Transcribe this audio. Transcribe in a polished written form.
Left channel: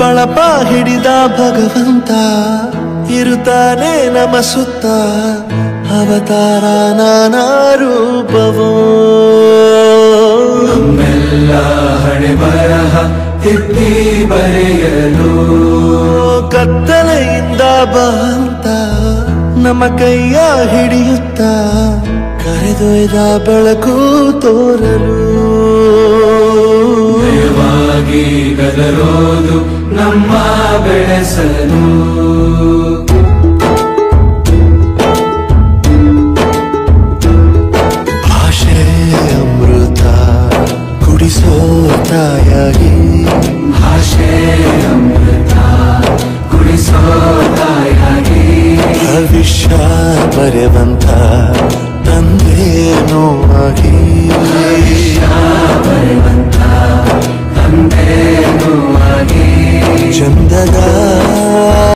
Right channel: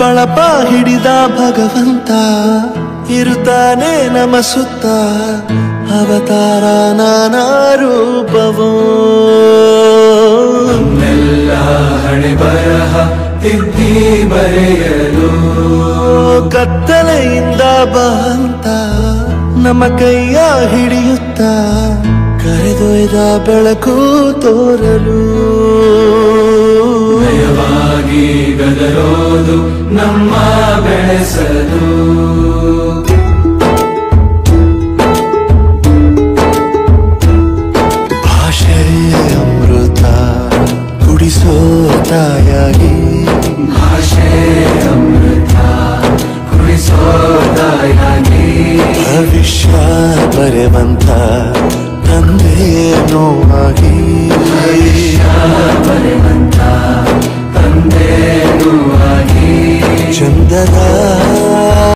ಬಳಪ ಹಿಡಿದ ಭಗವಂತ ಇರುತ್ತಾನೆ ನಮ ಸುತ್ತ ಅವತಾರ ನಾನಾ ರೂಪವೋ ನಮ್ಮೆಲ್ಲ ಹಣೆ ಬರಹ ತಿದ್ದಿ ಬರೆಯಲು ಕತ್ತಲೆಯಿಂದ ಬಂತ ನಮ್ಮ ಕೈಯ ಹಿಡಿಯುತ್ತ ಕರೆದೊಯ್ದ ಬೆಳಕು ತೋರಲು ನಯವಾಗಿ ಗದರೋದು ನಮ್ಮ ಬೆಳೆಸಲು ಭಾಷೆ ಅಮೃತ ಕುಡಿಸೋ ತಾಯಾಗಿ ಭಾಷೆ ಅಮೃತ ಕುಡಿಸೋ ತಾಯಾಗಿ ಭವಿಷ್ಯ ಬರೆವಂತ ತಂದೇನೋ ಆಗಿ ತಂದೇನೋ ಆಗಿ ಚಂದದ